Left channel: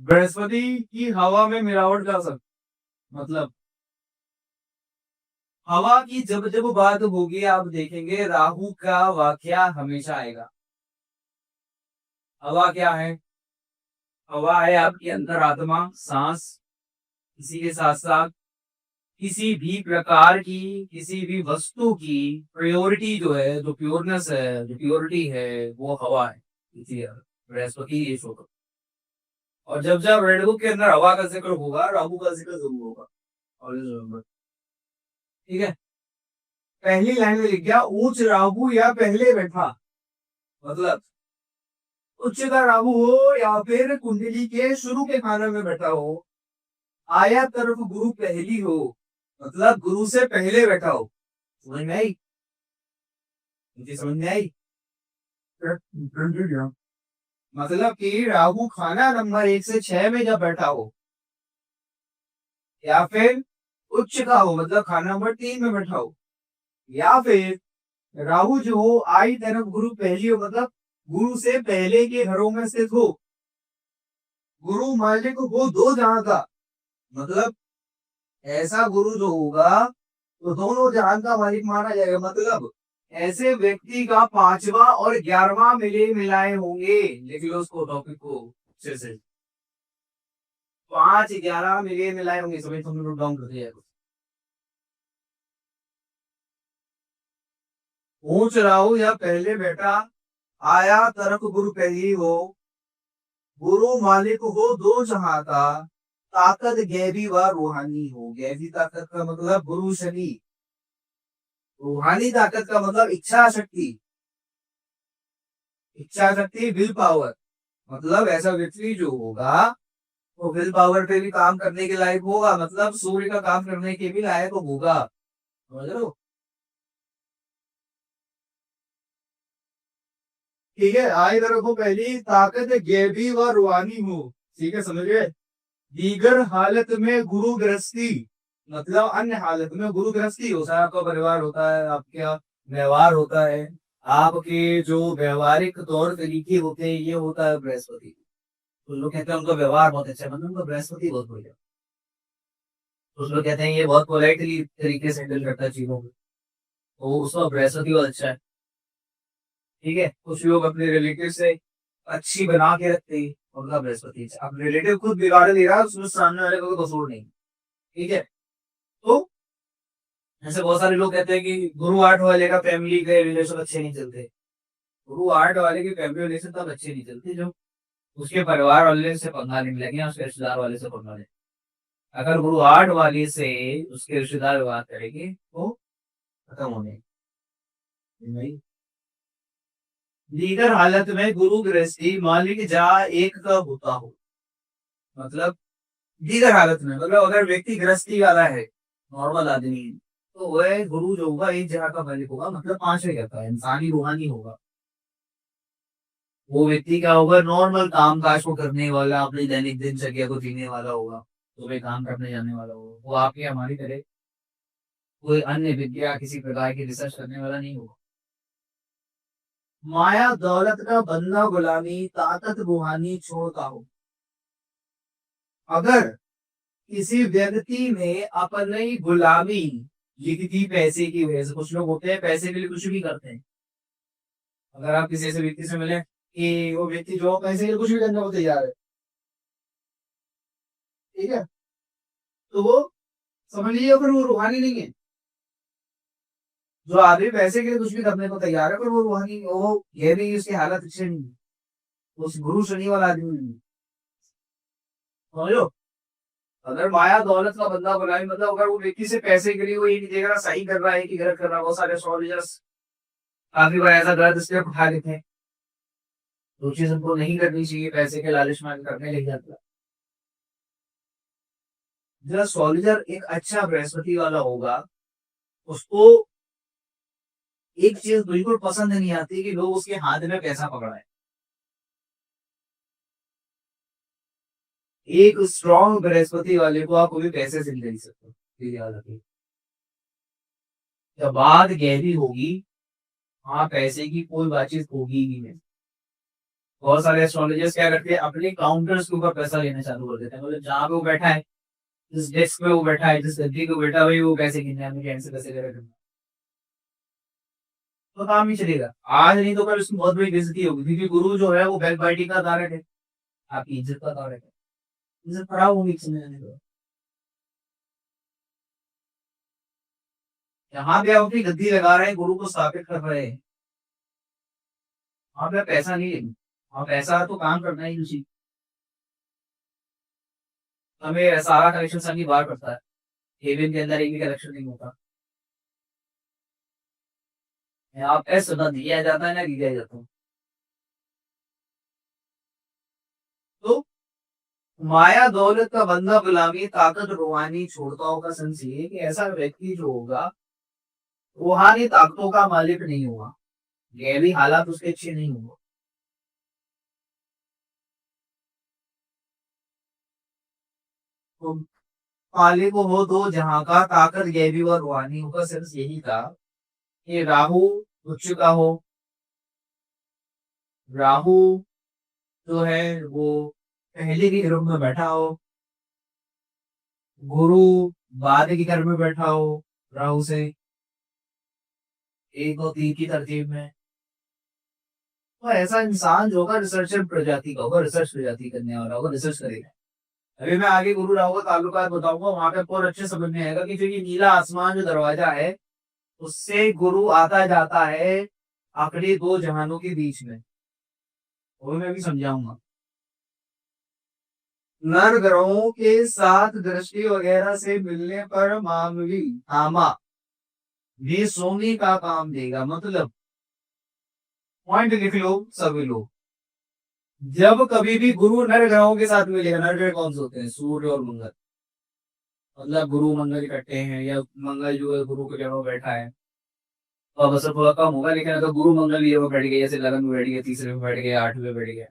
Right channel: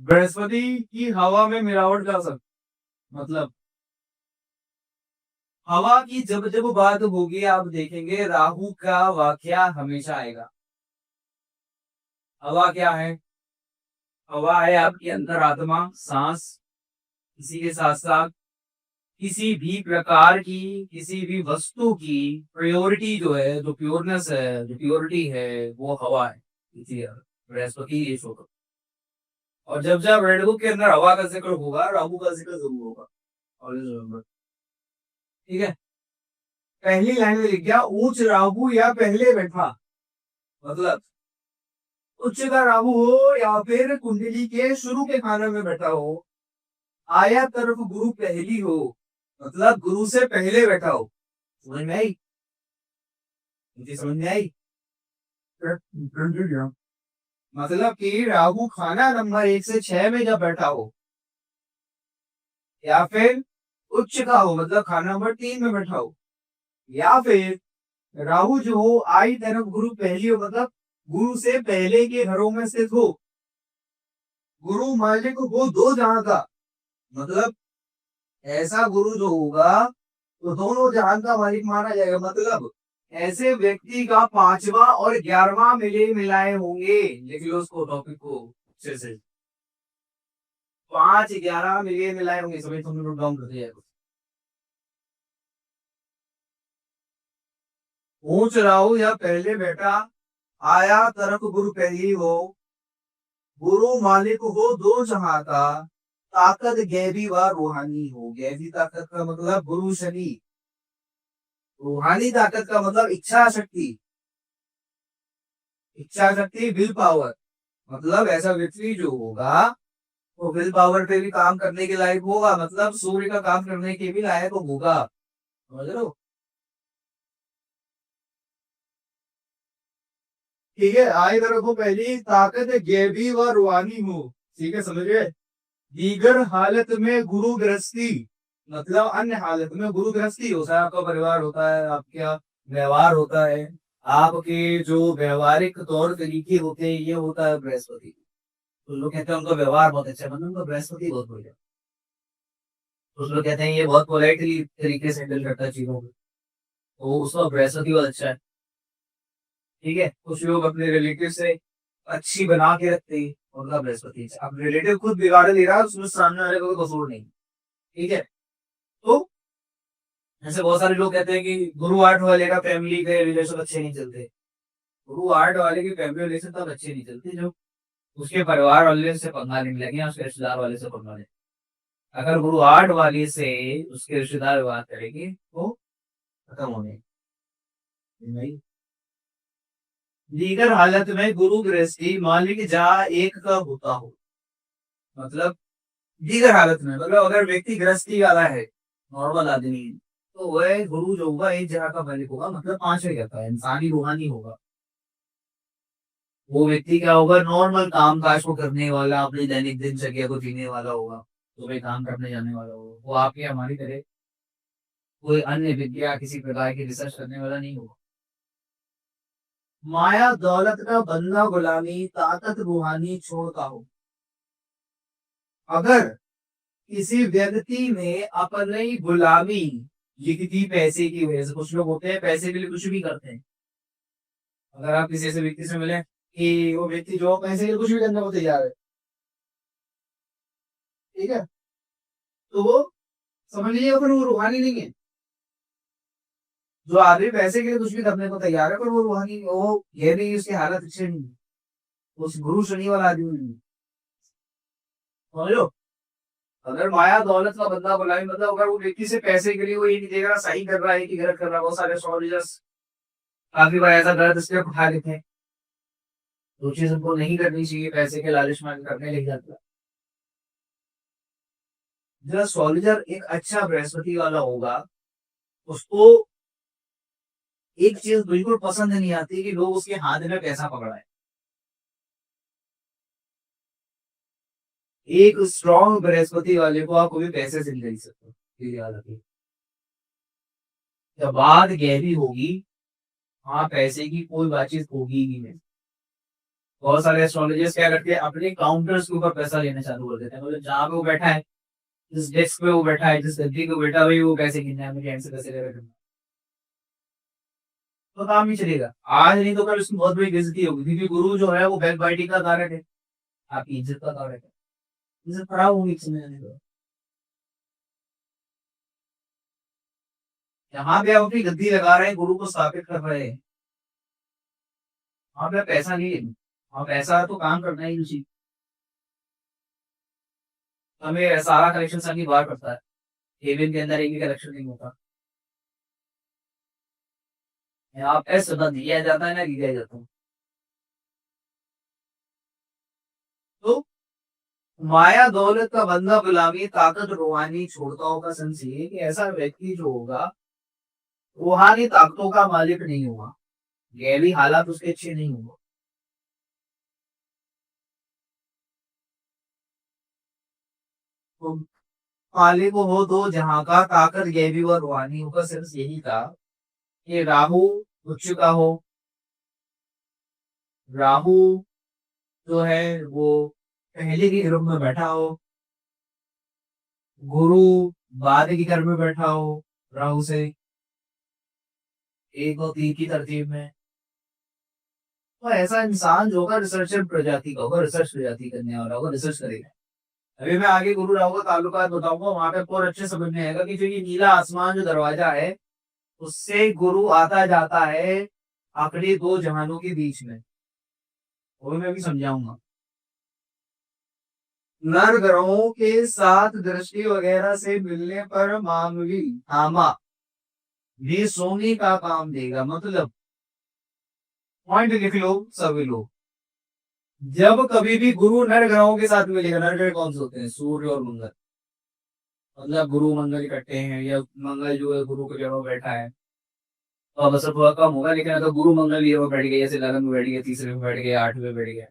बृहस्पति की हवा में मिलावट का असर। मतलब हवा की जब जब बात होगी आप देखेंगे राहु का वाकया हमेशा आएगा। हवा क्या है? हवा है आपके अंदर आत्मा, सांस। इसी के साथ साथ किसी भी प्रकार की, किसी भी वस्तु की प्योरिटी जो है, जो प्योरनेस है, जो प्योरिटी है, वो हवा है। इसलिए बृहस्पति ये शो करता है। और जब जब रेड बुक के अंदर हवा का जिक्र होगा, राहु का जिक्र जरूर होगा। और ये remember, ठीक है। पहली लाइन में लिख गया ऊंच राहु या पहले बैठा। मतलब उच्च का राहु हो या फिर कुंडली के शुरू के खाने में बैठा हो, आया तरफ गुरु पहली हो, मतलब गुरु से पहले बैठा हो। समझ में आई? मुझे समझ में आई। मतलब कि राहु खाना नंबर 1 से 6 में जब बैठा हो, या फिर उच्च का हो मतलब खाना नंबर 3 में बैठा हो, या फिर राहु जो हो आई तरफ गुरु पहली हो, मतलब गुरु से पहले के घरों में स्थित हो। गुरु मालिक हो दो जहां का, मतलब ऐसा गुरु जो होगा तो दोनों जहान का मालिक माना जाएगा। मतलब ऐसे व्यक्ति का 5वां और 11वां मिले मिलाए होंगे। लिख लो उसको, टॉपिक को अच्छे से। 5 11 मिले मिलाए होंगे, सभी तुमने नोट डाउन कर दिया है। पूछ रहा हूं या पहले बेटा, आया तरफ गुरु पहली हो, गुरु मालिक हो दो जहां का, ताकत गैबी व रूहानी हो। गैबी ताकत का मतलब गुरु शनि, रूहानी ताकत का मतलब इच्छा शक्ति। इच्छा शक्ति विल पावर, मतलब ऐसा व्यक्ति जो होगा वो विल पावर पे भी काम करने के लायक होगा, मतलब सूर्य का काम करने के भी लायक होगा। समझ लो। ठीक है, आए रखो पहली ताकत गैबी व रूहानी हो। ठीक है, समझ गए। दीगर हालत में गुरु गृहस्थी, मतलब अन्य हालत में गुरु गृहस्थी होता है। आपका परिवार होता है, आपका व्यवहार होता है, आपके जो व्यवहारिक तौर तरीके होते हैं, ये होता है बृहस्पति। तो लोग कहते हैं उनका व्यवहार बहुत अच्छा है, मतलब उनका बृहस्पति बहुत बढ़िया। कुछ लोग कहते हैं ये बहुत पोलाइटली तरीके से हैंडल करता है चीजों को, तो उसका बृहस्पति बहुत अच्छा है। ठीक है, कुछ लोग अपने रिलेटिव से अच्छी बना के रखते हैं, उनका बृहस्पति अच्छा। अब रिलेटिव खुद बिगाड़ ले रहा है, उसमें सामने वाले का कोई कसूर नहीं। ठीक है। तो ऐसे बहुत सारे लोग कहते हैं कि गुरु आठ वाले का फैमिली के रिलेशन अच्छे नहीं चलते। गुरु आठ वाले के फैमिली रिलेशन तब अच्छे नहीं चलते जब उसके परिवार वाले से पंगा लेने लगे या उसके रिश्तेदार वाले से पंगा ले। अगर गुरु आठ वाले से उसके रिश्तेदार व्यवहार करेंगे तो खत्म होने नहीं। दीगर हालत में गुरु गृहस्थी मालिक जहाँ एक का होता हो, मतलब दीगर हालत में मतलब अगर व्यक्ति गृहस्थी वाला है, नॉर्मल आदमी है, तो वह गुरु जो होगा एक जगह का मालिक होगा, मतलब 5वें कहता है, इंसानी रूहानी होगा। वो व्यक्ति क्या होगा, नॉर्मल काम काज को करने वाला, अपनी दैनिक दिनचर्या को जीने वाला होगा, सुबह काम करने जाने वाला होगा। वो आपकी हमारी तरह कोई अन्य विद्या किसी प्रकार की रिसर्च करने वाला नहीं होगा। माया दौलत का बंदा गुलामी, ताकत रूहानी छोड़ता हो। अगर किसी व्यक्ति ने अपनी गुलामी लिख दी पैसे की वजह से, कुछ लोग होते हैं पैसे के लिए कुछ भी करते हैं। अगर आप किसी ऐसे व्यक्ति से मिले कि वो व्यक्ति जो पैसे के लिए कुछ भी करने को तैयार है, ठीक है, तो वो समझ लीजिए फिर वो रूहानी नहीं है। जो आदमी पैसे के लिए कुछ भी करने को तैयार है पर वो रूहानी, वो ये नहीं उसकी हालत अच्छी नहीं है, वो उस गुरु शनि वाला आदमी नहीं है। समझो। अगर माया दौलत का बंदा बनाए, मतलब अगर वो व्यक्ति से पैसे के लिए वो ये नहीं देख रहा सही कर रहा है कि गलत कर रहा है। बहुत सारे एस्ट्रोलॉजर्स काफी बार ऐसा गलत स्टेप उठा लेते हैं, जो चीज हमको नहीं करनी चाहिए, पैसे के लालच में करने लग जाता है। जो एस्ट्रोलॉजर एक अच्छा बृहस्पति वाला होगा, उसको एक चीज बिल्कुल पसंद नहीं आती कि लोग उसके हाथ में पैसा पकड़ाए। एक स्ट्रॉन्ग बृहस्पति वाले को आप कभी पैसे से नहीं खरीद सकते, ये याद रखिए। जब बात गहरी होगी, हाँ पैसे की कोई बातचीत होगी ही नहीं। बहुत सारे एस्ट्रोलॉजर्स क्या करते हैं, अपने काउंटर्स के ऊपर पैसा लेना चालू कर देते हैं। मतलब जहाँ पे वो बैठा है, जिस डेस्क पे वो बैठा है, जिस गद्दी पे बैठा हुआ है, वो पैसे गिनना है, मुझे ऐसे पैसे ले, तो काम नहीं चलेगा। आज नहीं तो कल उसकी बहुत बड़ी बेइज्जती होगी, क्योंकि गुरु जो है वो बैक बाइटिंग का कारक है, आपकी इज्जत का कारक है। इज्जत खराब होगी किसी ने नहीं तो। यहाँ पे आप अपनी गद्दी लगा रहे हैं, गुरु को स्थापित कर रहे हैं, वहां पे पैसा नहीं लेना, वहां पैसा तो काम करना ही उसी। हमें सारा कलेक्शन सभी बाहर पड़ता है, केबिन के अंदर एक भी कलेक्शन नहीं होता। यहाँ पे सदा दिया जाता है ना दिया जाता है। तो माया दौलत का बंदा गुलामी, ताकत रूहानी छोड़ताओं का संस ये कि ऐसा व्यक्ति जो होगा रूहानी ताकतों का मालिक नहीं होगा, गैबी हालात उसके अच्छे नहीं होगा। तो मालिक हो दो जहां का, ताकत गैबी व रूहानी का सिर्फ यही था कि राहु उच्च का हो, राहु जो है वो पहले के ग्रुप में बैठा हो, गुरु बाद के घर में बैठा हो राहु से, एक दो तीन की तरतीब में। तो ऐसा इंसान जो होगा रिसर्चर प्रजाति का होगा, रिसर्च प्रजाति करने वाला होगा, रिसर्च करेगा। अभी मैं आगे गुरु राहु का ताल्लुकात बताऊंगा, वहां पे और अच्छे समझ में आएगा कि जो ये नीला आसमान जो दरवाजा है, उससे गुरु आता जाता है आखिरी दो जहानों के बीच में, वो मैं भी समझाऊंगा। नर ग्रहों के साथ दृष्टि वगैरह से मिलने पर मानवी आमा भी सोने का काम देगा। मतलब पॉइंट लिख लो सभी लोग, जब कभी भी गुरु नर ग्रहों के साथ मिलेगा, नर ग्रह कौन से होते हैं, सूर्य और मंगल, मतलब गुरु मंगल इकट्ठे हैं, या मंगल जो है गुरु की जगह बैठा है, तो अब असर थोड़ा कम होगा। लेकिन अगर गुरु मंगल ये बैठ गए, जैसे लगन में बैठ गए, तीसरे में बैठ गए, आठवें में बैठ गए,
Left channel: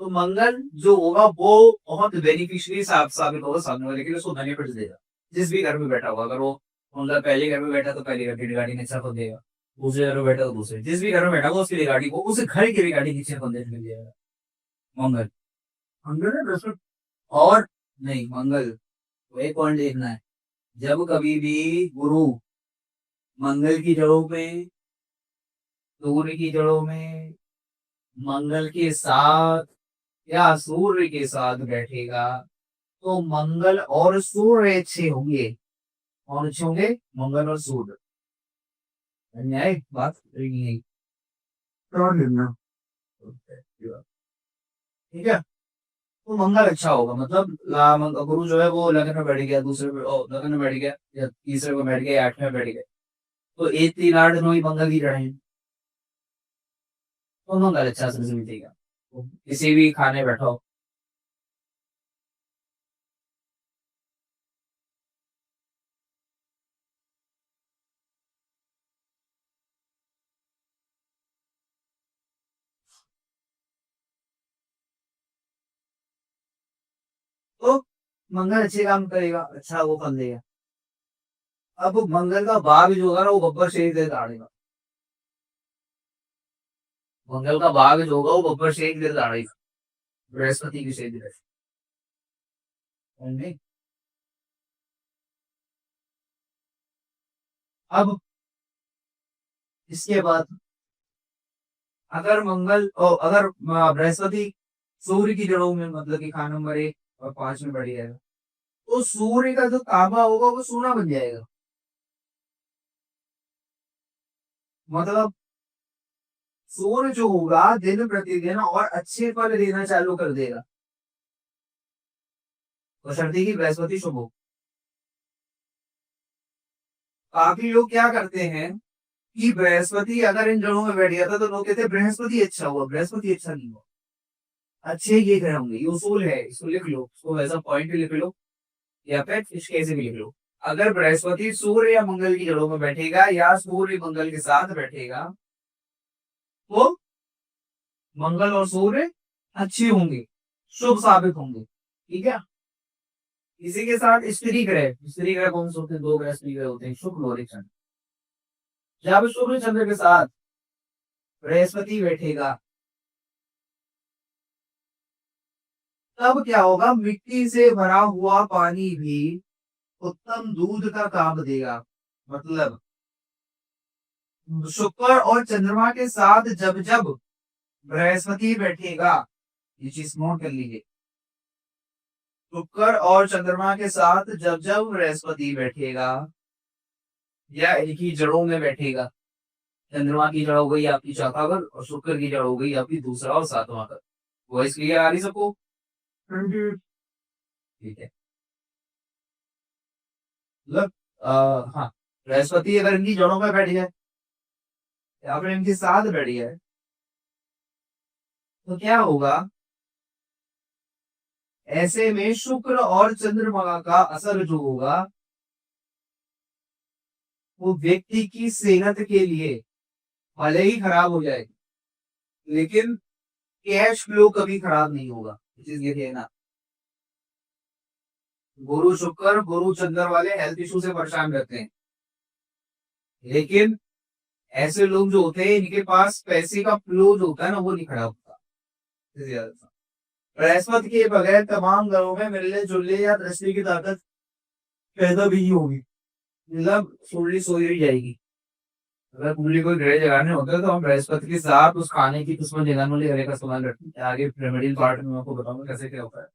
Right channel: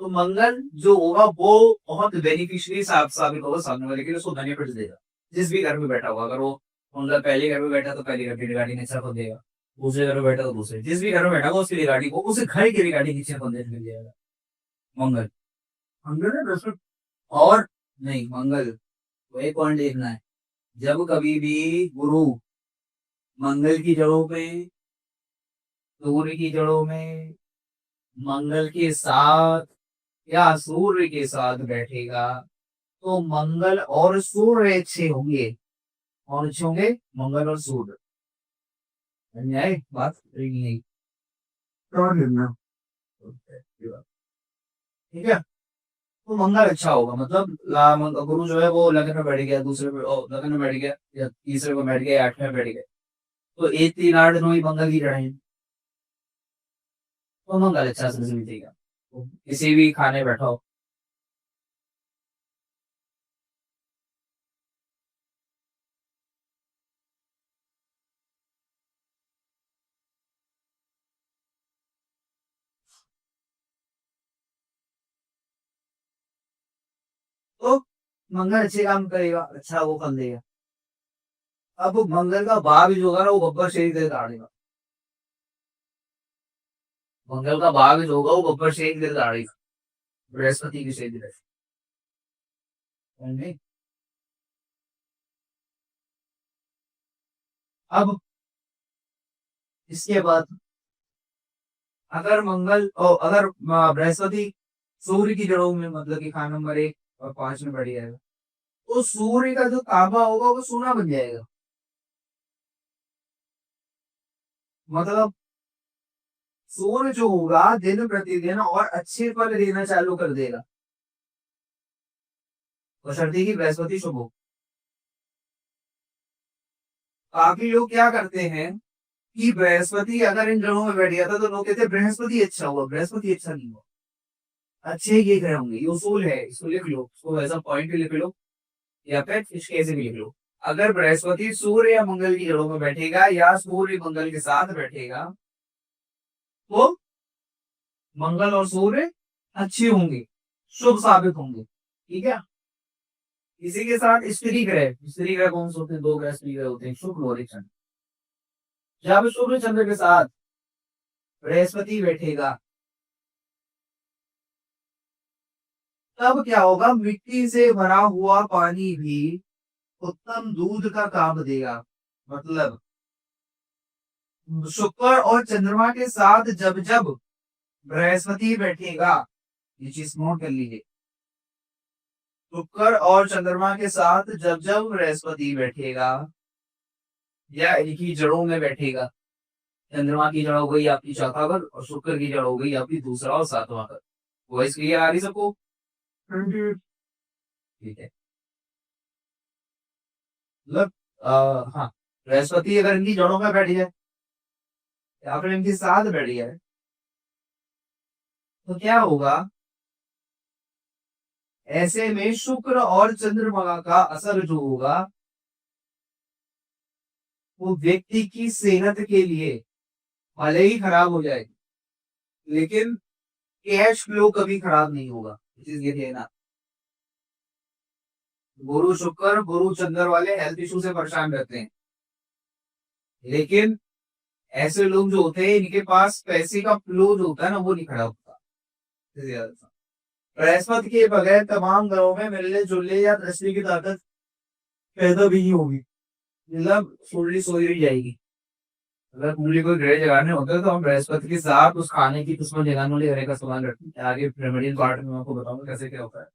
तो मंगल जो होगा वो बहुत बेनिफिशियरी साबित होगा सामने वाले के लिए, उसको बेनिफिट देगा। जिस भी घर में बैठा होगा, अगर वो मंगल पहले घर में बैठा तो पहले घर की रिगार्डिंग अच्छा को देगा, दूसरे घर में बैठा तो दूसरे, जिस भी घर में बैठा होगा उसकी रिगार्डिंग को, उस घर की रिगार्डिंग अच्छे बंदे मिल जाएगा। मंगल, मंगल है बृहस्पति, और नहीं मंगल, तो एक पॉइंट देखना है, जब कभी भी गुरु मंगल की जड़ों पे, सूर्य की जड़ों में, मंगल के साथ या सूर्य के साथ बैठेगा, तो मंगल और सूर्य अच्छे होंगे। कौन अच्छे होंगे, मंगल और सूर्य। समझ आए बात, नहीं और लेना, ठीक है। तो मंगल अच्छा होगा, मतलब गुरु जो है वो लगन में बैठ गया, दूसरे में लगन में बैठ गया, या तीसरे में बैठ गया, आठवें में बैठ गया, तो एक तीन आठ दिनों ही मंगल की रहे, तो मंगल अच्छा से मिलेगा। तो किसी भी खाने बैठो, तो मंगल अच्छे काम करेगा, अच्छा वो फल देगा। अब मंगल का भाग जो होगा ना, वो बब्बर शरीर से दाड़ेगा, मंगल का भाग जो होगा वो बब्बर शेख गिर दाड़ेगा, बृहस्पति की शेख गिर। नहीं, अब इसके बाद अगर मंगल अगर बृहस्पति सूर्य की जड़ों में, मतलब कि खाना नंबर एक और पांच में बढ़ जाएगा, तो सूर्य का जो तांबा होगा वो सोना बन जाएगा। मतलब सूर्य जो होगा दिन प्रतिदिन और अच्छे फल देना चालू कर देगा, बशर्ते कि बृहस्पति शुभ हो। काफी लोग क्या करते हैं कि बृहस्पति अगर इन जड़ों में बैठ गया था, तो लोग कहते हैं बृहस्पति अच्छा हुआ, बृहस्पति अच्छा नहीं हुआ। अच्छे ये ग्रह होंगे, ये उसूल है, इसको लिख लो, इसको ऐसा पॉइंट लिख लो, या फिर इस कैसे भी लिख लो। अगर बृहस्पति सूर्य या मंगल की जड़ों में बैठेगा, या सूर्य मंगल के साथ बैठेगा, तो मंगल और सूर्य अच्छे होंगे, शुभ साबित होंगे, ठीक है। इसी के साथ स्त्री ग्रह, स्त्री ग्रह कौन से होते हैं, दो ग्रह स्त्री ग्रह होते हैं, शुक्र और एक चंद्र। जब शुक्र चंद्र के साथ बृहस्पति बैठेगा, तब क्या होगा, मिट्टी से भरा हुआ पानी भी उत्तम दूध का काम देगा। मतलब शुक्र और चंद्रमा के साथ जब जब बृहस्पति बैठेगा, ये चीज नोट कर लीजिए, शुक्र और चंद्रमा के साथ जब जब बृहस्पति बैठेगा या इनकी जड़ों में बैठेगा, चंद्रमा की जड़ हो गई आपकी चौथा घर और शुक्र की जड़ हो गई आपकी दूसरा और सातवां घर। वॉइस क्लियर आ रही सबको? ठीक है। मतलब हाँ, बृहस्पति अगर इनकी जड़ों में बैठ जाए या फिर इनके साथ बैठ जाए तो क्या होगा, ऐसे में शुक्र और चंद्रमा का असर जो होगा वो व्यक्ति की सेहत के लिए भले ही खराब हो जाएगी, लेकिन कैश फ्लो कभी खराब नहीं होगा। चीज ये है ना, गुरु शुक्र गुरु चंद्र वाले हेल्थ इशू से परेशान रहते हैं, लेकिन ऐसे लोग जो होते हैं इनके पास पैसे का फ्लो जो होता है ना वो नहीं खराब होता। बृहस्पति के बगैर तमाम घरों में मिलने जुलने या दृष्टि की ताकत पैदा भी नहीं होगी, मतलब कुंडली सोई रही जाएगी। अगर कुंडली कोई ग्रह जगाने होते हैं तो हम बृहस्पति के साथ उस खाने की किस्मत जगाने वाले ग्रह का इस्तेमाल करते हैं। आगे रेमेडियल पार्ट में आपको बताऊंगा कैसे क्या होता है।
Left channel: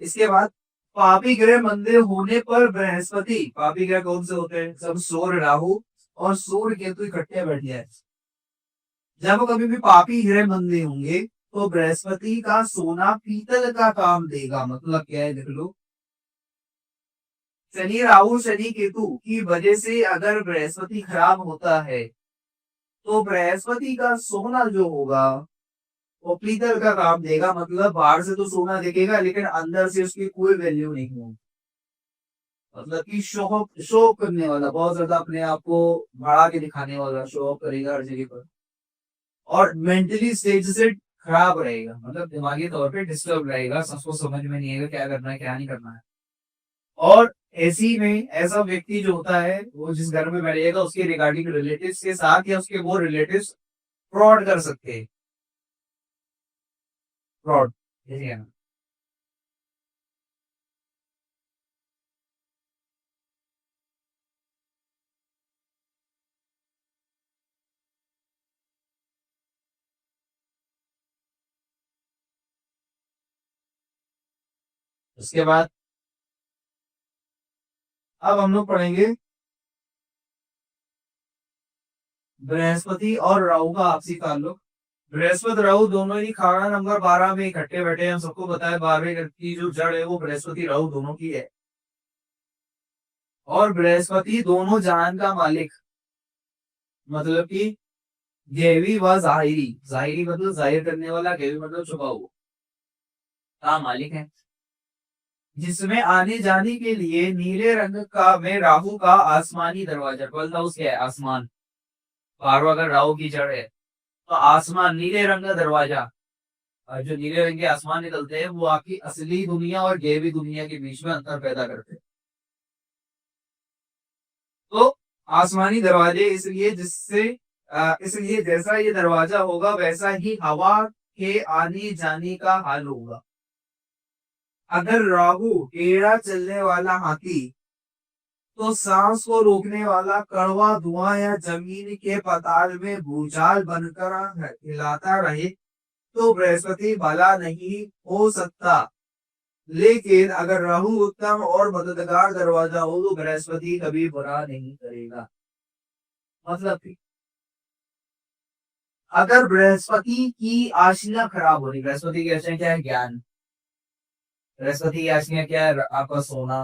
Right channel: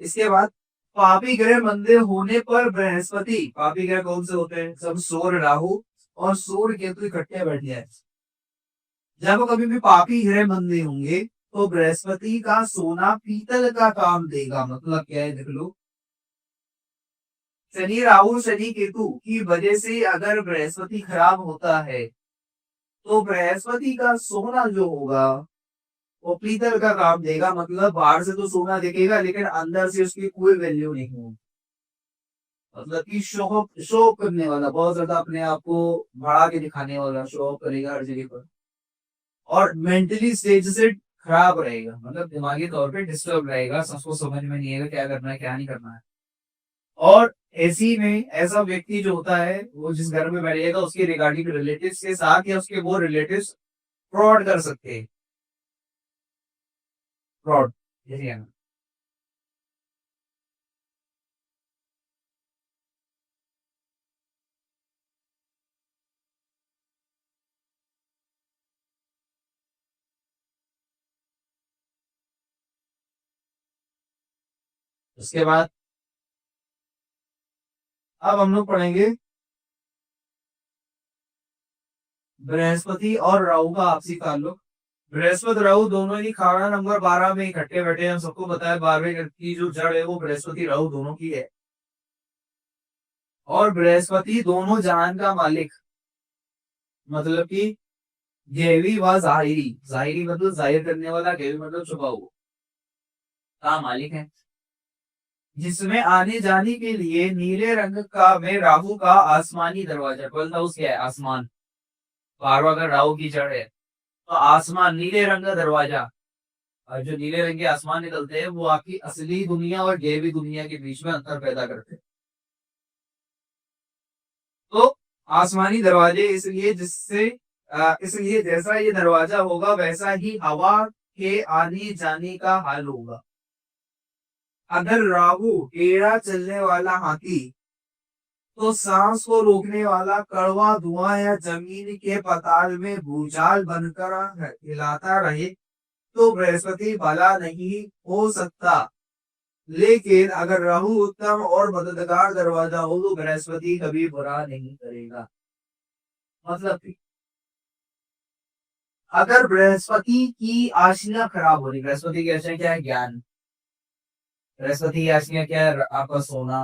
इसके बाद पापी ग्रह मंदे होने पर बृहस्पति, पापी ग्रह कौन से होते हैं, सब सूर्य राहु और सूर्य केतु इकट्ठे बैठ जाए। जब कभी भी पापी ग्रह मंदे होंगे तो बृहस्पति का सोना पीतल का काम देगा। मतलब क्या है देख लो, शनि राहु शनि केतु की वजह से अगर बृहस्पति खराब होता है तो बृहस्पति का सोना जो होगा वो पीतल का काम देगा। मतलब बाहर से तो सोना दिखेगा लेकिन अंदर से उसकी कोई वैल्यू नहीं होगी। मतलब कि शो शो करने वाला, बहुत ज्यादा अपने आप को बढ़ा के दिखाने वाला, शो ऑफ करेगा हर जगह पर, और मेंटली स्टेज से खराब रहेगा, मतलब दिमागी तौर पे डिस्टर्ब रहेगा, सबको समझ में नहीं आएगा क्या करना है क्या नहीं करना है। और ऐसी में ऐसा व्यक्ति जो होता है वो जिस घर में बैठेगा उसके रिगार्डिंग रिलेटिव्स के साथ या उसके वो रिलेटिव्स फ्रॉड कर सकते हैं। फ्रॉड यही है ना। उसके बाद अब हम लोग पढ़ेंगे बृहस्पति और राहु का आपसी ताल्लुक। बृहस्पति राहु दोनों ही खाना नंबर 12 में इकट्ठे बैठे हैं। हम सबको बताया 12वें घर की जो जड़ है वो बृहस्पति राहु दोनों की है, और बृहस्पति दोनों जहान का मालिक, मतलब कि गैवी व जाहिरी, जाहिरी मतलब जाहिर करने वाला, गैवी मतलब छुपा हुआ, का मालिक है। जिसमें आने जाने के लिए नीले रंग का में राहु का आसमानी दरवाजा, 12th हाउस क्या है, आसमान। 12वां अगर राहु की जड़ है तो आसमान, नीले रंग का दरवाजा, और जो नीले रंग के आसमान निकलते हैं वो आपकी असली दुनिया और गैवी दुनिया के बीच में अंतर पैदा करते हैं। तो आसमानी दरवाजे इसलिए जिससे इसलिए जैसा ये दरवाजा होगा वैसा ही हवा के आने जाने का हाल होगा। अगर राहु टेढ़ा चलने वाला हाथी तो सांस को रोकने वाला कड़वा धुआं या जमीन के पताल में भूचाल बनकर हिलाता रहे तो बृहस्पति भला नहीं हो सकता। लेकिन अगर राहु उत्तम और मददगार दरवाजा हो तो बृहस्पति कभी बुरा नहीं करेगा। मतलब कि अगर बृहस्पति की आशियां खराब हो रही, बृहस्पति की आशियां क्या है, ज्ञान। बृहस्पति की आशियां क्या है, आपका सोना।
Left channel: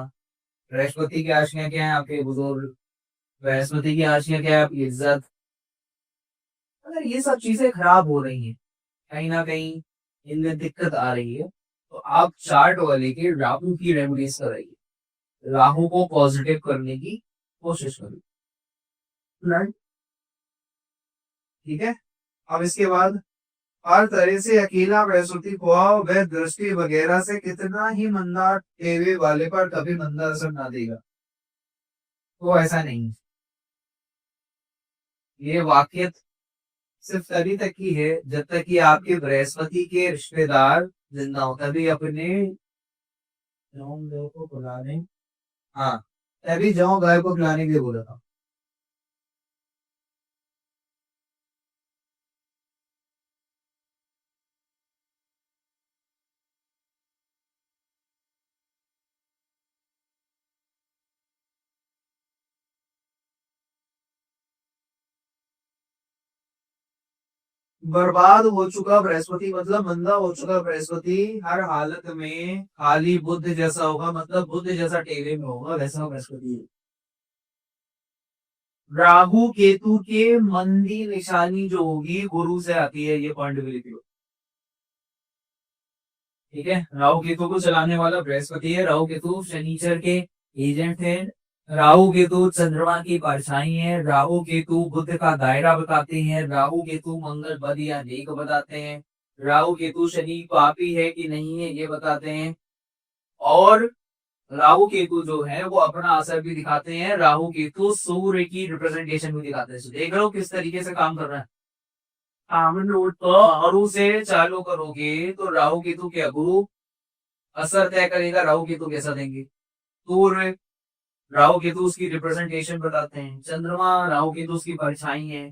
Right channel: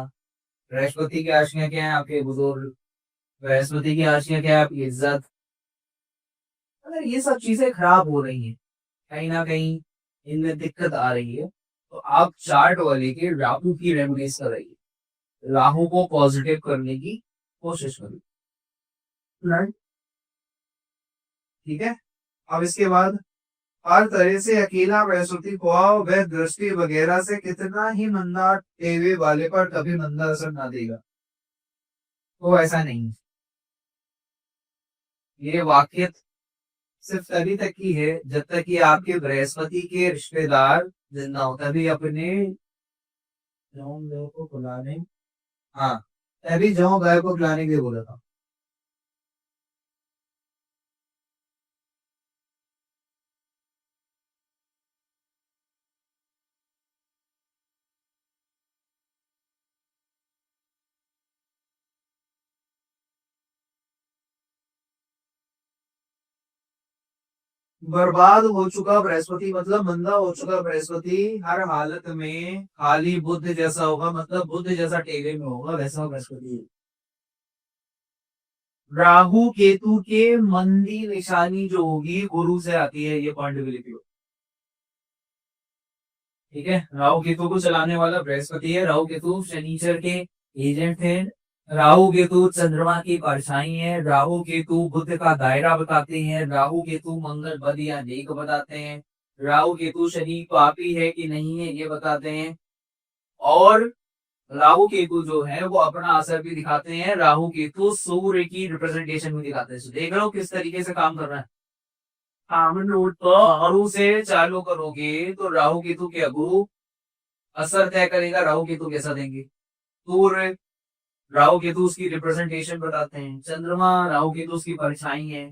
बृहस्पति की आशियां क्या है, आपके बुजुर्ग। बृहस्पति की आशियां क्या है, आपकी इज्जत। अगर ये सब चीजें खराब हो रही हैं, कहीं ना कहीं इनमें दिक्कत आ रही है, तो आप चार्ट वाले के राहु की रेमेडीज कराइए, राहु को पॉजिटिव करने की कोशिश करिए। राइट, ठीक है। अब इसके बाद हर तरह से अकेला बृहस्पति हुआ वह दृष्टि वगैरह से कितना ही मंदा टेवे वाले पर कभी मंदा असर ना देगा। तो ऐसा नहीं, ये वाकई सिर्फ तभी तक की है जब तक कि आपके बृहस्पति के रिश्तेदार जिंदा हो, तभी अपने को बुलाने, हाँ, तभी जौ गाय को खिलाने के लिए बोला था। बर्बाद हो चुका बृहस्पति मतलब मंदा हो चुका बृहस्पति हर हालत में खाली बुध जैसा होगा, मतलब बुध जैसा टेढ़े में होगा, वैसा बृहस्पति है। राहु केतु के मंदी निशानी जो होगी गुरु से आती है, ये पॉइंट भी लिख लो। ठीक है, राहु केतु को चलाने वाला बृहस्पति है। राहु केतु शनिचर के एजेंट है। राहु केतु चंद्रमा की परछाई है। राहु केतु बुध का दायरा बताते हैं। राहु केतु मंगल बद या नेक बताते हैं। राहु केतु शनि पापी है कि नहीं है ये बताते हैं। और राहु केतु जो है वो अपना असर भी दिखाते हैं। राहु केतु सूर्य की रिप्रेजेंटेशन भी दिखाते हैं। So, देख रहे हो किस तरीके से काम कर रहा है। कामन नोट पर गुरु से चालू करोगे तो राहु केतु के गुरु असर तय करेगा, राहु केतु कैसा देंगे। सूर्य राहु केतु उसकी रिप्रेजेंटेशन बताते हैं। चंद्रमा राहु केतु उसकी परछाई है।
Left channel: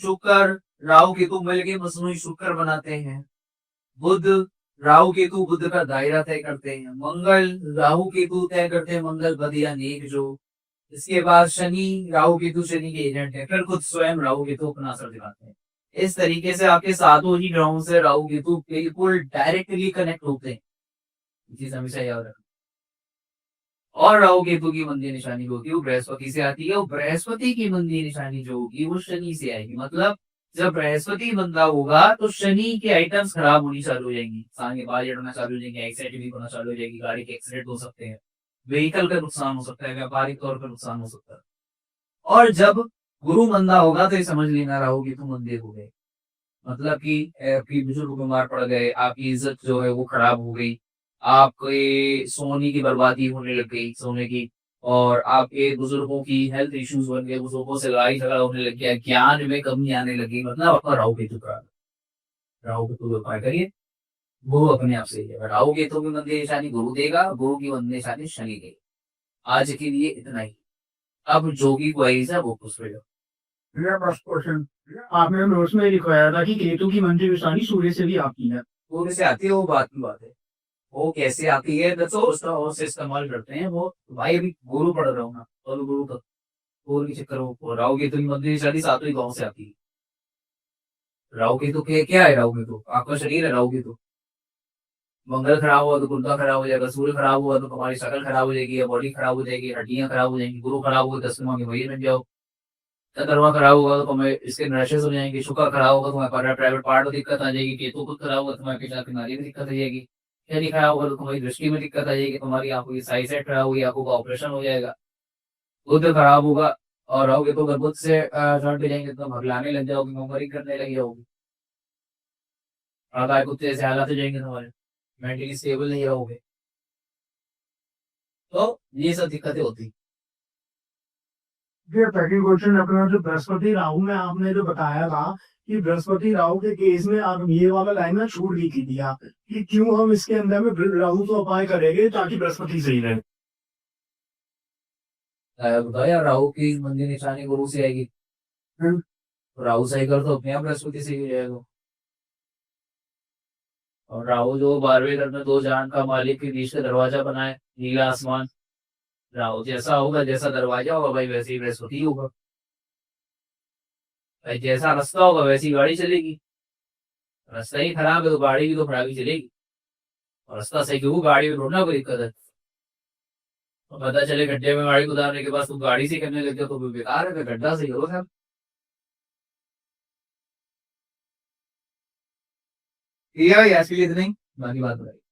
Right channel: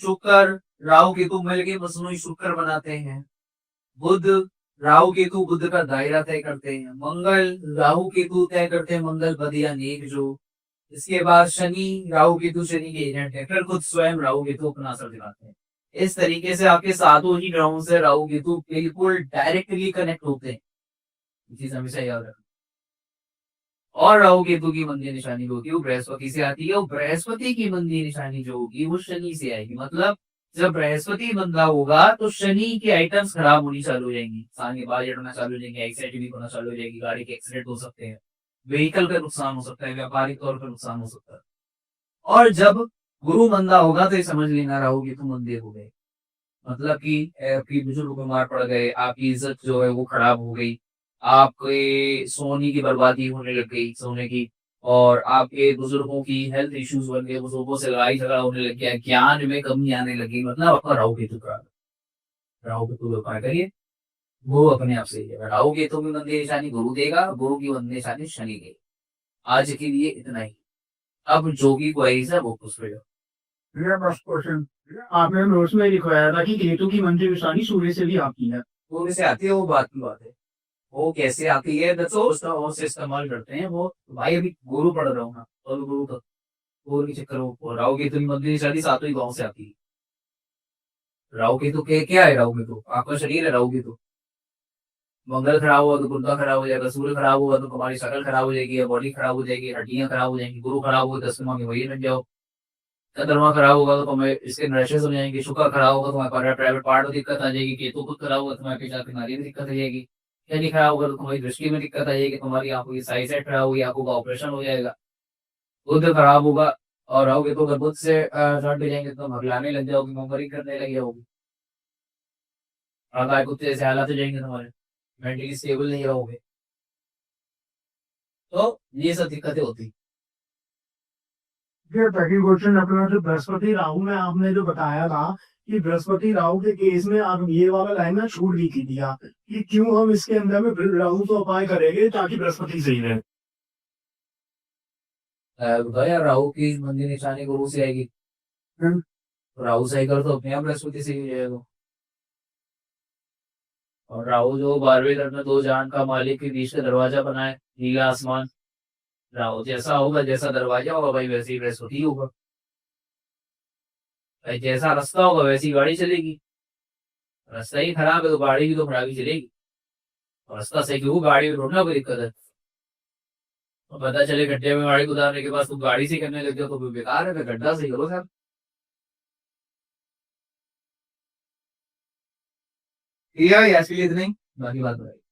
शुक्र राहु केतु मिलके मसनूई शुक्र बनाते हैं। बुध राहु केतु बुध का दायरा तय करते हैं। मंगल राहु केतु तय करते हैं मंगल बद या नेक जो। इसके बाद शनि राहु केतु शनि के एजेंट है। फिर खुद स्वयं राहु केतु अपना असर दिखाते हैं। इस तरीके से आपके सातों ही ग्रहों से राहु केतु बिल्कुल डायरेक्टली कनेक्ट होते हैं। ये चीज हमेशा याद रखना। और राहु केतु की मंदी निशानी जो होती है वो बृहस्पति से आती है, और बृहस्पति की मंदी निशानी जो होगी वो शनि से आएगी। मतलब जब बृहस्पति मंदा होगा तो शनि की आइटम्स खराब होनी चालू हो जाएंगी। इंसान के बाल झड़ना चालू हो जाएंगे, एक्साइटमेंट होना चालू हो जाएगी, गाड़ी के एक्सीडेंट हो सकते हैं, व्हीकल का नुकसान हो सकता है, व्यापारिक तौर पर नुकसान हो सकता है। और जब गुरु मंदा होगा तो ये समझ लेना राहु केतु मंदे हो गए। मतलब कि आपकी बुजुर्ग बीमार पड़ गए, आपकी इज्जत जो है वो खराब हो गई, आपके सोने की बर्बादी होने लग गई सोने की, और आपके बुजुर्गों की हेल्थ इश्यूज बन गए, बुजुर्गों से लड़ाई झगड़ा होने लग गया, ज्ञान में कमी आने लगी, मतलब आपका राहु केतु का। राहु केतु व्यापार करिए, गुरु अपने आप से ही है। राहु केतु की मंदी निशानी गुरु देगा, गुरु की मंदी निशानी शनि देगा। आज के लिए इतना ही। अब जो भी क्वेरीज है वो पूछ लो। मेरा फर्स्ट क्वेश्चन, आपने नोट्स में लिखवाया था कि केतु की मंत्री निशानी सूर्य से भी आती है। सूर्य से आती है वो बात की बात है, वो कैसे आती है तो उसका और से इस्तेमाल करते हैं वो। भाई अभी गुरु पढ़ रहा हूँ ना, और गुरु का गुरु के चक्कर में राहु केतु की मंत्री निशानी सातों ही गाँव से आती है। राहु केतु के क्या है, राहु केतु आपका शरीर है। राहु केतु मंगल खराब हुआ तो गुर्दा खराब हो जाएगा, सूर्य खराब हुआ तो तुम्हारी शक्ल खराब हो जाएगी, या बॉडी खराब हो जाएगी, हड्डियां खराब हो जाएंगी। गुरु खराब हुआ 10 के वही लग जाओ। चंद्रमा खराब होगा तो तुम्हें इसके रैशेस हो जाएंगे। शुक्र खराब होगा तो तुम्हारे प्राइवेट पार्ट में दिक्कत आ जाएगी। केतु खुद खराब होगा तुम्हारे पेशाब की नाली में दिक्कत आ जाएगी। शनि खराब होगा तो तुम्हारी दृष्टि में दिक्कत आ जाएगी, तुम्हारी आंखों की साइज सेट खराब होगी, आंखों का ऑपरेशन हो जाएगा। बुध खराब होगा और रहोगे तो अगर बुध से शॉर्ट हो जाएंगे तो हगलाने लग जाओगे, ममरी करने लग जाओगे, आधा कुत्ते जैसे हालात हो जाएंगे तुम्हारे, मेंटली स्टेबल नहीं रहोगे। तो ये सब दिक्कतें होती। फिर सेकंड क्वेश्चन अपना जो बृहस्पति राहु में आपने जो बताया था कि बृहस्पति राहु के केस में आप ये वाला लाइन में छूट भी की दिया कि क्यों हम इसके अंदर में राहु को उपाय करेंगे ताकि बृहस्पति सही रहे। बताया राहु की मंदी निशानी गुरु से आएगी। राहु सही करो तो अपने आप बृहस्पति सही हो जाएगा। और राहु जो 12वें घर में दो जहान का मालिक के बीच का दरवाजा बनाए, नीला आसमान। राहु जैसा होगा, जैसा दरवाजा होगा भाई वैसे ही बृहस्पति होगा। भाई जैसा रास्ता होगा वैसी गाड़ी चलेगी। रास्ता ही खराब है तो गाड़ी भी तो खराब ही चलेगी। और रास्ता सही क्यों, गाड़ी में रोकना कोई दिक्कत है। तो पता चले गड्ढे में गाड़ी गुजारने के बाद तुम गाड़ी से करने लग जाओ तो बेकार है, गड्ढा सही करो सर। ये ऐसी इतनी बाकी बात बताइए।